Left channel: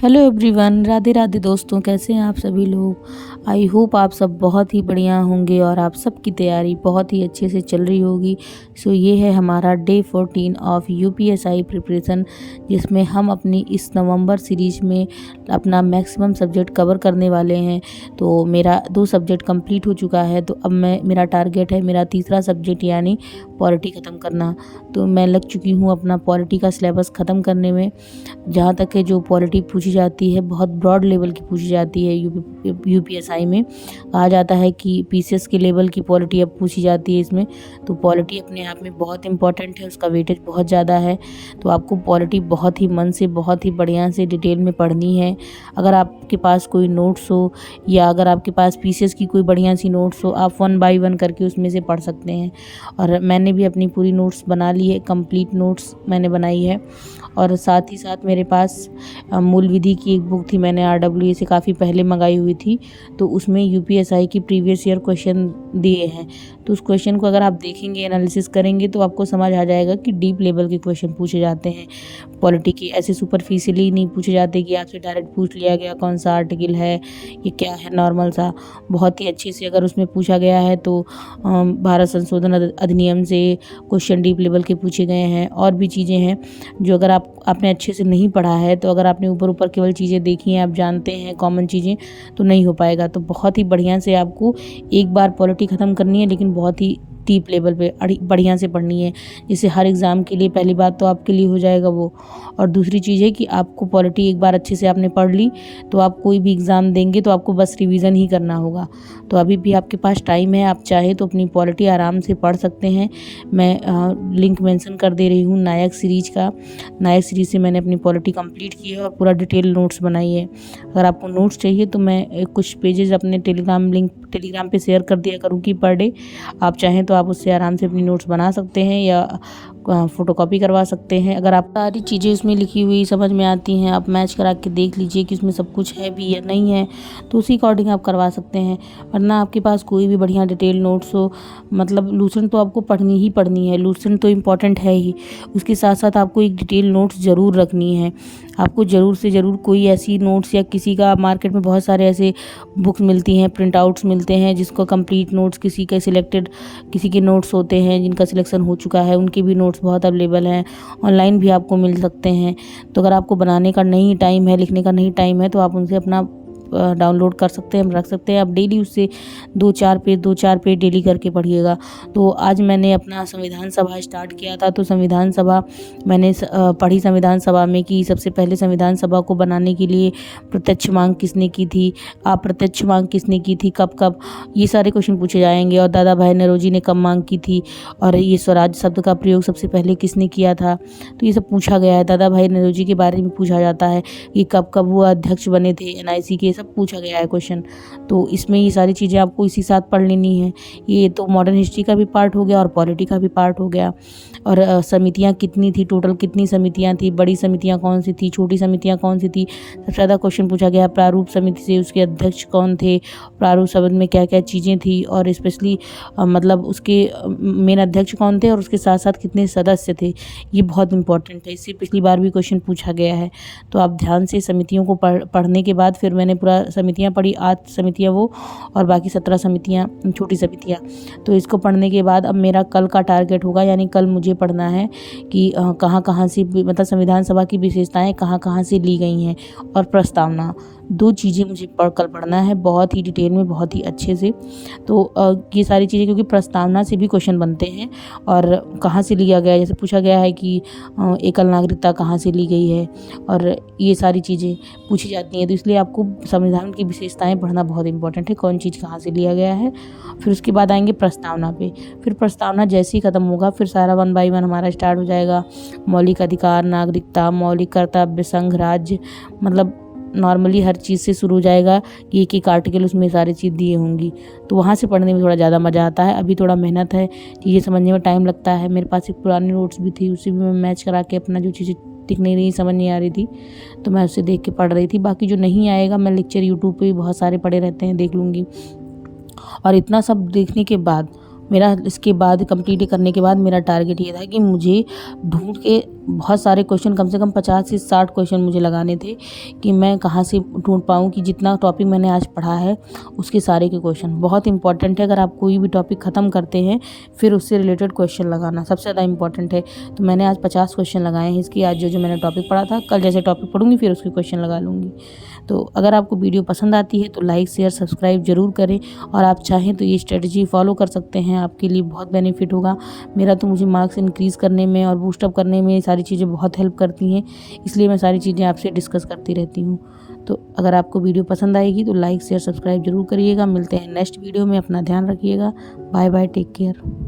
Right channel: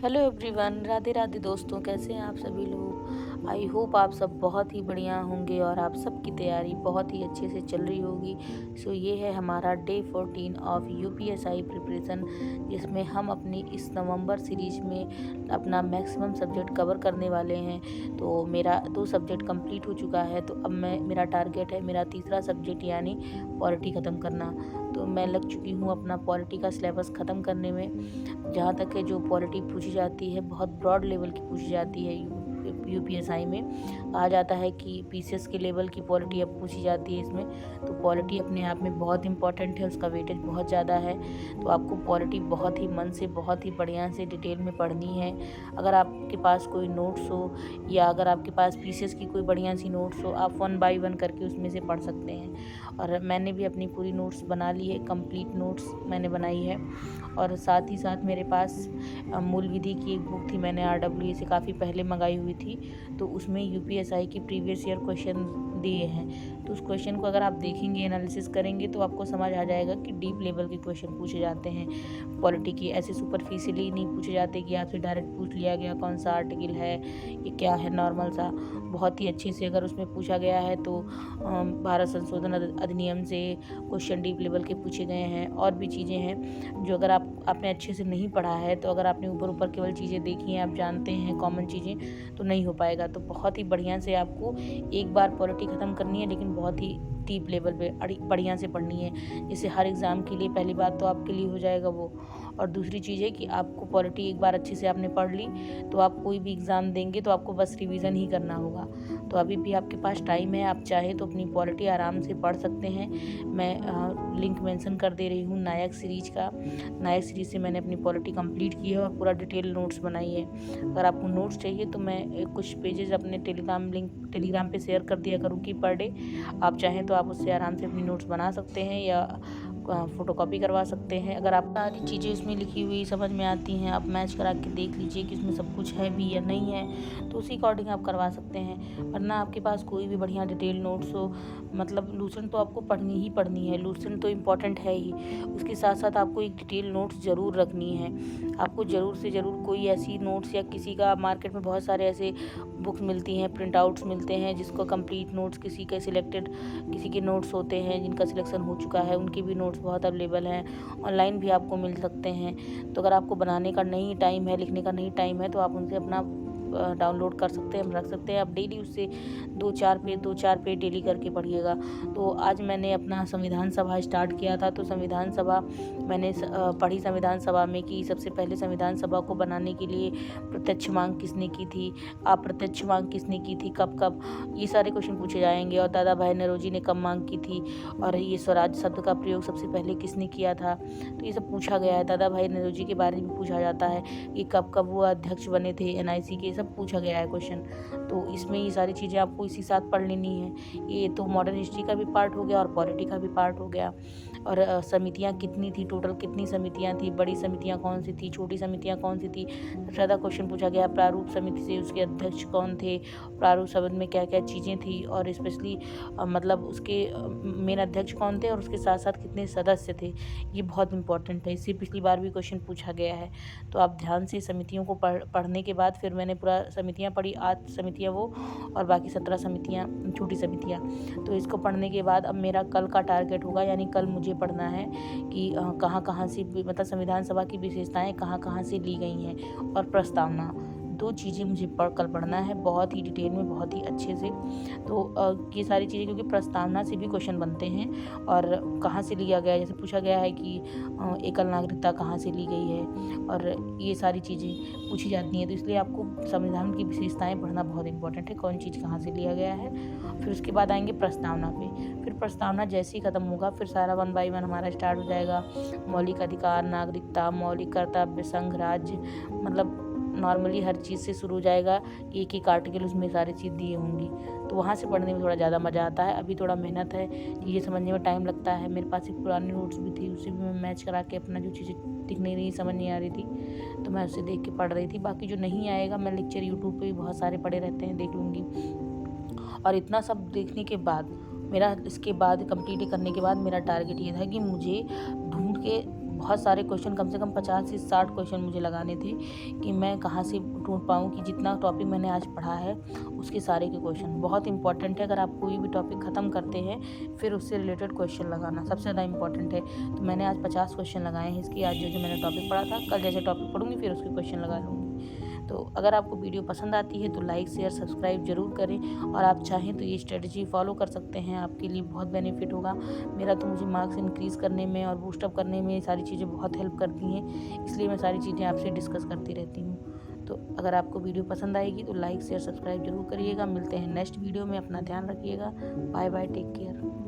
Hello everyone, Radhe Radhe दोस्तों। कैसे हैं आप सभी लोग। आई होप आप सब बहुत ही बढ़िया होंगे और आप सबकी तैयारी बहुत ही अच्छे से चल रही होगी। सो ये है हमारा डे 14 ऑफ यूपीएसआई प्रिपरेशन, जिसमें हम अपनी इस नवंबर सीरीज में अपना मैक्सिमम सब्जेक्ट कवर करने वाले हैं। तो मेरा 2 सब्जेक्ट कंप्लीट हो चुका है, तो अब मेरा टारगेट है मेरा तीसरा सब्जेक्ट यानी पॉलिटी ख़त्म करना। तो मैं लग चुकी हूँ अपना पॉलिटी का सिलेबस ख़त्म करने में। जहाँ तक है जो पॉलिटी पूछी जाती है बहुत ब्रॉड लेवल की पूछी जाती है। यूपीएसआई में कहा जाता है कि पीसीएस के लेवल की पॉलिटी अब पूछी जाती है इसमें। तो पॉलिटी अपने आप में बहुत इंपॉर्टेंट है, उसका वेटेज बहुत ज़्यादा है। तो आपको पॉलिटी बहुत ही मन से बहुत ही बढ़िया से डिटेल में पढ़नी है। अगर आपके पास कोई नोट्स हो या अगर आपके पास पीसीएस की कोई बढ़िया सी नोट्स हो, आप 1 बाय 1 करके उसमें से पढ़ सकते हैं। और मैंने भी अपनी पूरी नोट्स बना ली है, कंप्लीट नोट्स मैंने बनाई है। और साथ ही साथ मेरे पास मूल विधि की एक बुक थी, मैंने आरडब्ल्यूए से काफ़ी पहले मंगाई हुई थी। तो उसमें यूपीएसआई की प्रीवियस ईयर क्वेश्चन दिए हैं। तो उस क्वेश्चन को अगर आप देखेंगे, एनालिसिस करेंगे, तो आपको समझ आ जाएगा कि डीप लेवल के क्वेश्चन पूछे जाते हैं पॉलिटी के। ऐसे सुपरफिशियली नहीं पूछे जाते कि आपसे डायरेक्ट पूछ लिया गया कौन सा आर्टिकल है, ये क्या है, नॉर्मल सा। बहुत ही अच्छे से अगर उसमें पूछा गया है तो भारत संशोधन अधिनियम से क्वेश्चन डीप लेवल के पूछे गए हैं। और भी चीज़ें हैं जो अगर आपने अच्छे से नहीं पढ़ा है, तो अगर आपने ऊपर ऊपर केवल चीज़ें देखी हैं, आप जानते हैं कॉमन चीज़ें, तो नहीं हो पाएगा। तो बहुत ही बढ़िया से आपको एक बार पॉलिटी ख़त्म करनी है, लेकिन बहुत ही डीप लेवल पे बढ़िया से पढ़नी है, जिससे हर एग्ज़ाम के लिए पहली बात तो आपके लिए हो जाएगा वो। और दूसरी चीज़ है कि आपको पॉलिटी एक बार अच्छे से आपने पढ़ ली तो आप कोई भी एग्ज़ाम देंगे तो आपको बस रिवीजन ही करना होगा। तो अभी भी आपके पास टाइम है, आप चाहे तो अपनी पॉलिटी आराम से पढ़ सकते हैं। मैं लिंक मेंशन कर दे रही हूँ नायक सीरीज़ का। नायक सीरीज़ से मैंने अपनी पॉलिटी कंप्लीट की है और पूरा डिटेल नोट्स बनाई है। अगर आपको नोट्स चाहिए तो मैं कुछ पेजेस अपने टेलीग्राम पे शेयर कर दिया करूँगी पर डे। आप चाहें तो आप उससे आराम से अपनी नोट्स बना सकते हैं या फ़ोटोकॉपी करवा सकते हैं। अगर आप सारी चीज़ें उसमें लिखी हुई समझ में आती हैं, आप मैच करा के देख लीजिए कि उसमें सब कुछ है भी या नहीं है, तो उसी अकॉर्डिंग आप करवा सकते हैं। वरना आपके पास कोई भी बढ़िया डिटेल नोट्स हो, मतलब लूसेंट तो आपको पढ़नी ही पढ़नी है, लूसेंट तो इम्पॉर्टेंट है ही। उसके साथ साथ आपको एक डिटेल नोट्स ज़रूर रखनी है। आपको ज़रूर से ज़रूर कोई ऐसी नोट्स या किसी का, मार्केट में बहुत सारे ऐसे बुक्स मिलती हैं, प्रिंट आउट्स मिलते हैं जिसको कंप्लीट नोट्स, किसी के सिलेक्टेड किसी के नोट्स होते हैं जिनका सिलेक्शन हो चुका है, उनके भी नोट्स बहुत अवेलेबल हैं, ऑनलाइन भी आपको मिल सकते हैं। तो अगर आपको बनाने का नहीं टाइम है, लिखने का नहीं टाइम है, तो आप उनसे अपना डाउनलोड कर सकते हैं, रख सकते हैं। आप डेली उससे 2-4 पेज डेली करके पढ़िएगा। तो आज मैंने अपना संविधान सभा स्टार्ट किया था। तो संविधान सभा मैंने पढ़ी संविधान सभा में कि सबसे पहले संविधान सभा को बनाने के लिए प्रत्यक्ष मांग किसने की थी, अप्रत्यक्ष मांग किसने की थी, कब कब, ये सारे क्वेश्चन पूछे जाएंगे। और दादा भाई नौरोजी ने कब मांग की थी, और ये स्वराज शब्द का प्रयोग सबसे पहले किसने किया था, तो ये सब पूछा गया है। दादा भाई नौरोजी के बारे में पूछा जाता है कि कब कब वो अध्यक्ष बने थे एनआईसी के, सब पूछा गया है क्वेश्चन। तो इसमें ये सारी चीज़ें आपको इसी साथ पढ़ लेनी है। ये तो मॉडर्न हिस्ट्री का भी पार्ट हो गया और पॉलिटी का भी पार्ट हो गया। और समितियां कितनी थी, टोटल कितनी समितियां थी, बड़ी समितियां कौन सी थी, छोटी समितियां कौन सी थी, सबसे ज़्यादा क्वेश्चन पूछा गया। प्रारूप समिति से उसके अध्यक्ष कौन थे, प्रारूप समिति में क्या क्या चीज़ें थी, और स्पेशली मतलब उसके मेन अध्यक्ष कौन थे और उसके साथ साथ कितने सदस्य थे, ये बहुत इंपॉर्टेंट है। इससे पिछली बार भी क्वेश्चन पूछा गया है। तो आप ध्यान से समितियों को पढ़ने के बाद, फिर मैंने पूरा समितियां पढ़ी, 8 समितियां वो, और बाकी 17 समितियां छोटी समितियां। तो इसको पढ़ने के बाद अब मेरा कल का टारगेट होगा, यानी कल मुझे पढ़ना है कि कहाँ कहाँ से, मतलब संविधान सभा की विशेषताएं कहाँ कहाँ से ली गई हैं, और प्रस्तावना, 2 चीज़ें मुझे कल पढ़ना है बहुत ही डिटेल में, बहुत ही अच्छे से। तो ये सारी चीज़ें, क्योंकि प्रस्तावना से भी क्वेश्चन बनते हैं और कहाँ से लिया गया, जैसे पूछा गया है कि एकल नागरिकता कहाँ से ली गई है, और ये सारी चीज़ें पूछी जाती हैं। तो इसलिए आपको संविधान की विशेषताएं पढ़ना बहुत इंपॉर्टेंट है, कौन चीज़ कहाँ से लिया गया है। फिर उसके बाद आएंगे प्रस्तावना पे। फिर प्रस्तावना जैसे ही ख़त्म होगा, फिर सारा 1 बाय 1 हमारा स्टार्ट हो जाएगा। मौलिक अधिकार, नागरिकता, मौलिक कर्तव्य, संघ राज्य, मतलब नॉर्मली हर चीज़ से शुरू हो जाएगा कि एक एक आर्टिकल उसमें सारी चीज़ दिए होंगी। तो वहाँ से पढ़ने में थोड़ा ज़्यादा मज़ा आता है। अभी थोड़ा मेहनत है, चीज़ें समझने में टाइम लगता है। मेरे पास एक पुरानी नोट्स भी थी, उससे भी मैं मैच करा के अपना जो चीज़ें दिख नहीं रही, समझ नहीं आ रही थी, तो मैं उससे देख के पढ़ रही थी। बाकी जो नहीं आएगा, मैं लेक्चर यूट्यूब पे भी बहुत सारे पड़े रहते हैं, देख लूँगी। और इतना सब देखने के बाद, मेरा इसके बाद कंप्लीट करने के बाद मेरा टारगेट ये था कि मुझे ढूंढ के बहुत सारे क्वेश्चन, कम से कम 50 से 60 क्वेश्चन मुझे लगाने थे कि मैं कहाँ से ढूँढ पाऊँ कि जितना टॉपिक मैंने आज पढ़ा है उसके सारे के क्वेश्चन। बहुत इंपॉर्टेंट है, अगर आप कोई भी टॉपिक ख़त्म करते हैं फिर उससे रिलेटेड क्वेश्चन लगाना सबसे ज़्यादा इंपॉर्टेंट है। तो मैंने आज 50 क्वेश्चन लगाए हैं इसकी। आज जो मैंने टॉपिक पढ़ा था, कल जैसे टॉपिक पढ़ूँगी फिर उसके क्वेश्चन लगा लूँगी। तो अगर आपको वीडियो पसंद आती है तो लाइक शेयर सब्सक्राइब ज़रूर करें, और आप चाहें तो ये स्ट्रेटजी फॉलो कर सकते हैं, आपके लिए बहुत बेनिफिट होगा। मेरा तो मुझे मार्क्स इंक्रीज़ करने में और बूस्टअप करने में सारी चीज़ें बहुत हेल्प करती हैं, इसलिए मैं सारी चीज़ें आपसे डिस्कस करती रहती हूँ। तो अगर आपको वीडियो पसंद आएगी तो लाइक शेयर सब्सक्राइब ज़रूर करिएगा। मिलते हैं नेक्स्ट वीडियो में, अपना ध्यान रखिएगा। Bye bye, take care.